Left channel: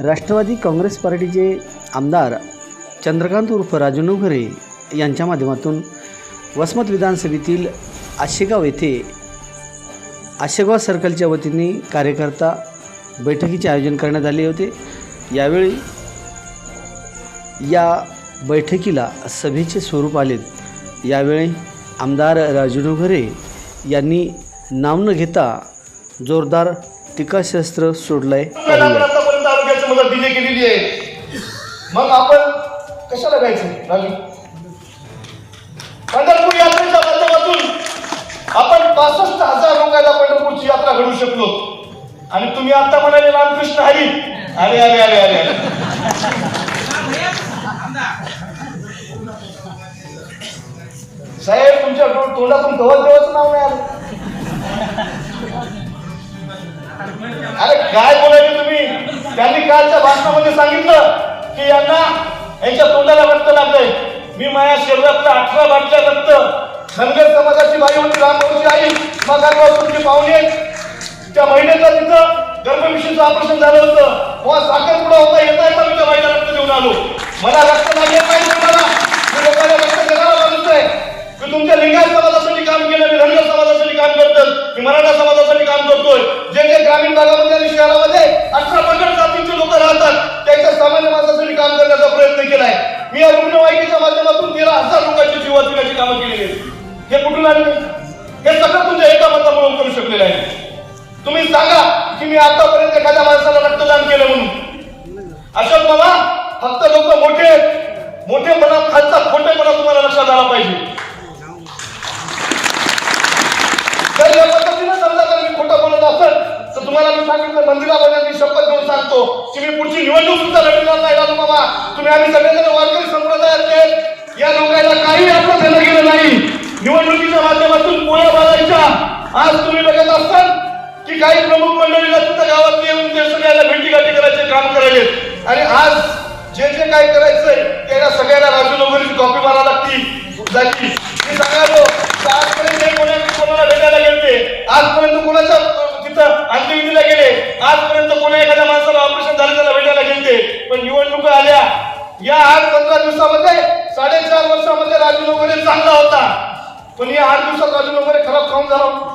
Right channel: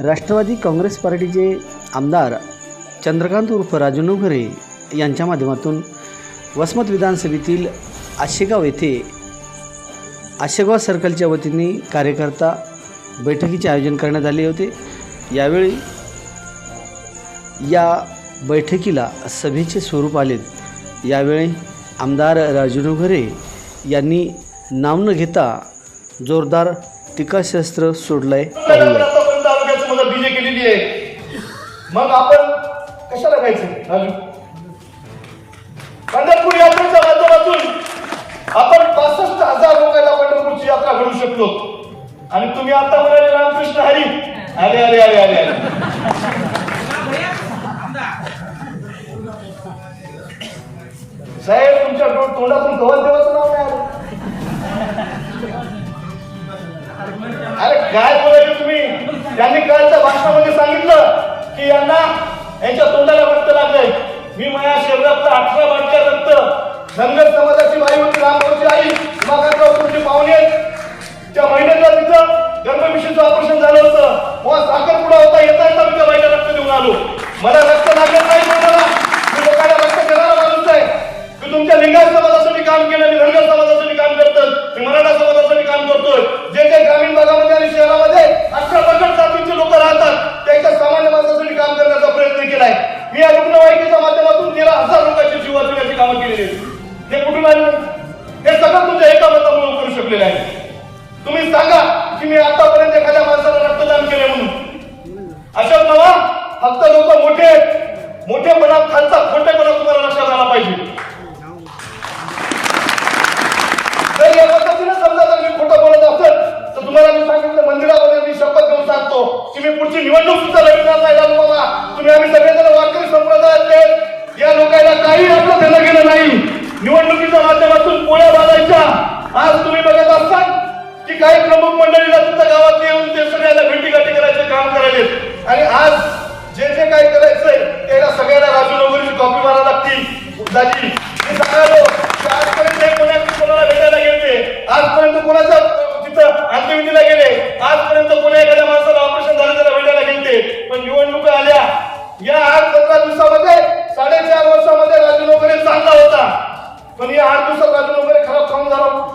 राष्ट्रवादी काँग्रेस पार्टीचे आमदार चंद्रकांत उर्फ राजू नवघरे यांच्या माध्यमातून वसमत विधानसभेतील आशेगाव येथे आशेगाव सर्कलच्या वतीने कार्यकर्ता बैठकीचे आयोजन करण्यात आले होते. यावेळी या बैठकीला सभेचे स्वरूप आलेत यावेळी आमदार राजू नवघरे यांनी नाव न घेता जोरदार टीकाशस्त्र सोडलंय पाहूया मदत दिली आहे. मग आपण कशाला घ्यायचं राजू. पंढरपूर यात्रेच्या माध्यमातून आपण पासष्ट हजार लोकांना पंढरपूरची यात्रा घडू शकलो. आणि तुम्ही आता म्हणाले रामकृष्ण हरी. अरे अरे अरे अरे साहेब तुमच्या तोंडातून गवत देवाचं नाव नाही अरे काय बोला त्यांनी कालच्या भाषणामध्ये सांगितलं की यांना यांच्या तोंडाला रक्त लागलंय. मी माझ्या शरीरात अठरा बाटल्या रक्त धनगर समाजाची बाई होती रामभाऊची आई मगाराव तुमचे पाहुणे. त्या महिन्याचा तिथं गर्भविषयीचं ऑपरेशन झालं होतं. हो, तेव्हा साखरपुडा होता. येता येता मी त्या बाईला रक्त देऊन आलो. मला रक्त लागलं नाही तोंडाला मी लोकांना रक्त देणारा माणूस आहे मी तुमच्या लिंगायत समाजासाठी काम केलं मी धनगर समाजासाठी काम करतो मी मराठा समाज काम करतोय. जे जे ग्रामीण भागामध्ये आणि शहरामध्ये अठरा पगड जातीचे लोक राहतात त्यांच्या सामान्य माणसासाठी काम करण्याचा प्रयत्न केलाय. मी या रुग्णवाहिकेच्या माध्यमातून तेरा हजार लोकांची जीव वाचवण्याची कामं केलेली आहेत. हे कुठून आले? हे सगळं तुमच्या एका मतामुळे करू शकलेलं आहे. तुम्ही सांगा की मी आतापर्यंत एखाद्या माणसाला रक्तदान केलं म्हणून. अशोक मामा फक्त लोक मोठे मोठेपणा खालचा खोटेपणा तुम्हाला लक्षात आला पाहिजे जर या पद्धतीने समजा जर मी खोटं बोलत असेल तर तुम्हाला मी सांगितलं मंदिरामध्ये शपथ घेऊन सांगतो की मी पुढची निवडणूक सुद्धा लढणार नाही राम बाबा. तुम्ही आम्ही सगळेजण वारकरी संप्रदायातले या लोकांना काही आपलं देणं गेलं नाही. निवडणुकीच्या माध्यमातून पोळ्या बाजायच्या आज तुम्ही बघत असाल की काही प्रमुख मंडळीला तिथं गावात येऊन ते सगळ्यांना भेटीगाठी करायचे काम करायचे आणि आज जे जे काय करायचंय त्याला सगळ्यांना राजू नगरीची कॉपी मारावी लागती झाली मी सांगालो की आजपर्यंत हे कोणा कोणाला भेटायला गेले आजपर्यंत कोणाच्या अं, तिथं अंत्यविधीला गेले आजपर्यंत कोणी एखाद्या माणसाला ऑपरेशन झालं त्याला भेटायला गेलते पण निवडणुका आल्या. या आठ पंधरा दिवसामध्ये साडेचार वर्षामध्ये राजू वगैरे चांगला होता. पण या आठ दिवसात राजू वगैरे खराब खाऊन झाला?